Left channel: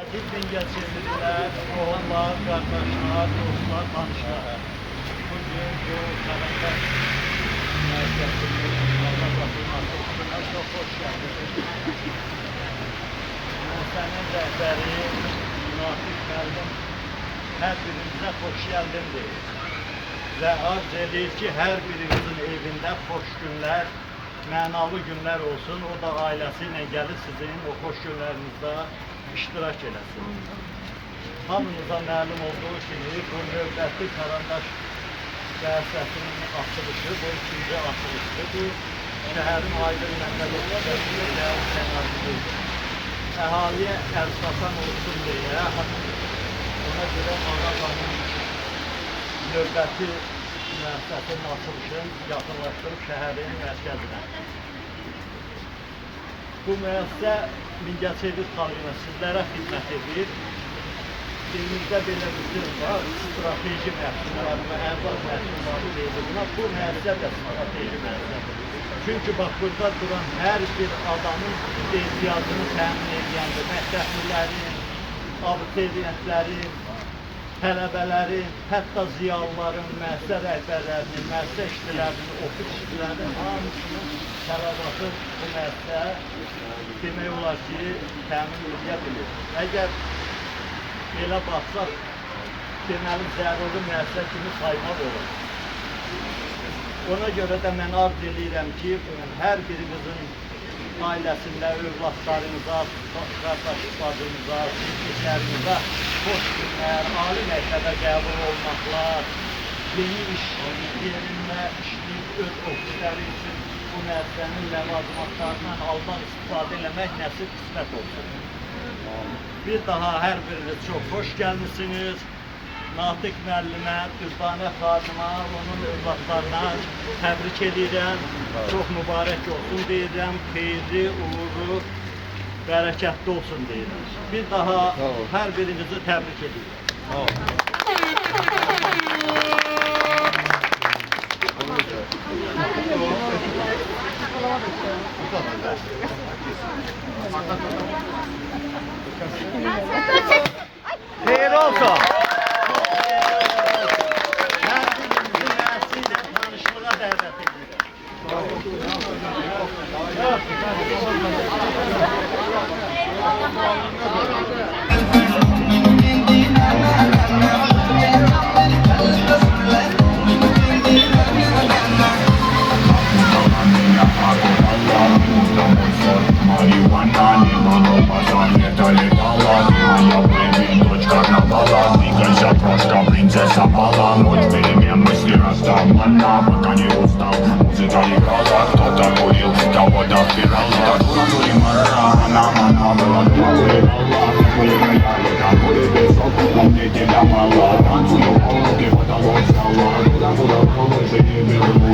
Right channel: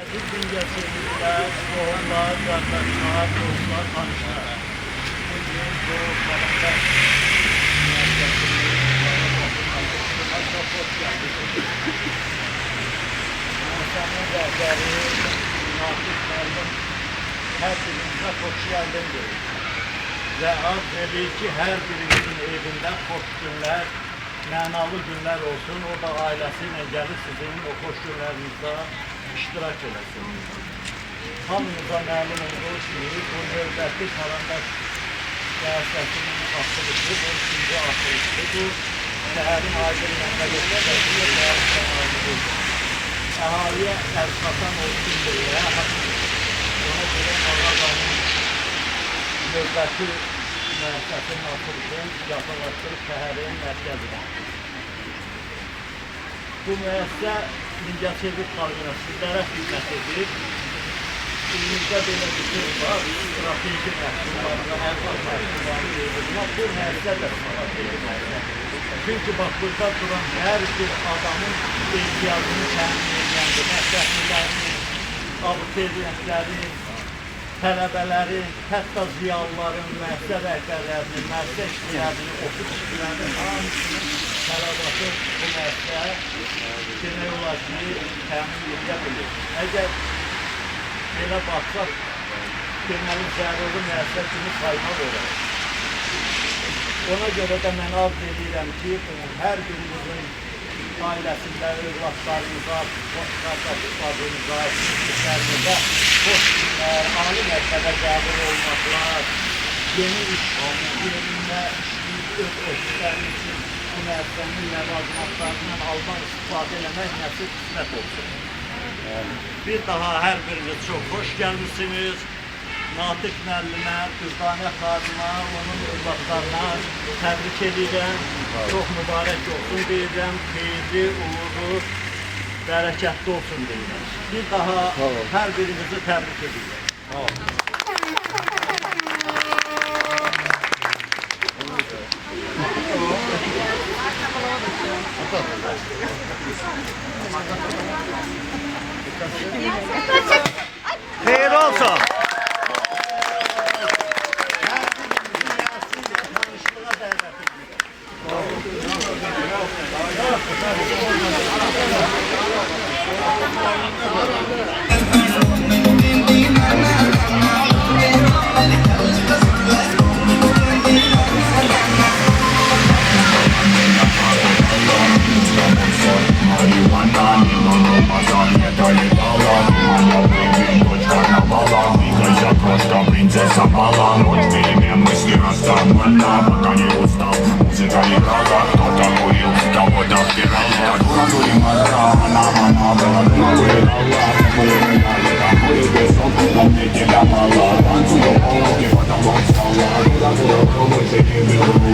Aziz Mingəçevirlilər, qohumlar, qardaşlar, dostlar, tanışlar. Bugün Doğu Qarandaş Mərkəzinin Qaradasının açılışına çox hoş gəldiniz. Müəssisənin rəhbəri, Natiq müəllim hər birinizə xoş gəldin deyir. Və arz edir ki, hər birinizin evində xoş günlər, mənalı günlər olsun. O da ailəsi ilə gəlir sizin o xoş günlərinizdə iştirak eləsin. Hamınıza məlum olduğu kimi, bu növbəti Qarandaş siyasətinin açılışı, bu ikinci açılışdır. Bu, şəhərin Aydın Məmmədov şəhərin şəhəridir. Əhaliyə əlçatan olsun deyə, ona görə Ağadamın növbəti müəssisəsinin açılışını yaxınlaşdırıb şəhərin mərkəzinə. Bu müəssisə Mingəçevir xalqına sizlərə xidmət edir. Elimizdə belə bir söz var, strateji məhsullarına, ərzaq məhsullarını verilmə. Bu müəssisə də strateji məhsullardır. Çünki bax, burada duran hər bir adamın ehtiyacını təmin edəndir. Məktəblilərin, abituriyentlərin, tələbələrin, hətta ziyalıların, müəssisə rəhbərlərinin, müəssisə işçilərinin, ofis işçilərinin hamısının tələbatı bu müəssisə demək olar ki, təmin edə bilir. Əgər belə baxsaq, deməli zəruri müəssisə kimi saymaq olar. Ona görə də mən arz edirəm ki, hər birinizin ailəsində, övladlarınıza, qardaşlarınıza, sizlərinizə xoş günlər, ali məktəbə qəbul olmaqlar, yeni iş yerində işləyib öz ofisləriniz üçün bu müəssisənin ləvazimatlarından aldan istifadə eləmək nəsib qismət olsun. Bir daha hər biriniz çox xoş gəlmişsiniz. Natiq müəllimə, Dürdanə xanıma, onun övladlarına təbrik edirəm. Çox mübarək olsun deyirəm. Xeyirli, uğurlu, bərəkətli olsun deyirəm. Bir daha hər birinizi təbrik edirəm. Xeyir olsun. Hər birinizin nəsilə tanışlığa dəvət edirəm. Принцесса Пала, ночь перемен, мысли расставлена, пока не устал, музыка играла, кто-то курил, кого-то впирали. Были мара, она была дома, были гуляли, там были песок, но мне тебя мало. Танцую, руки, потому что стала, куда-то лучше не верну.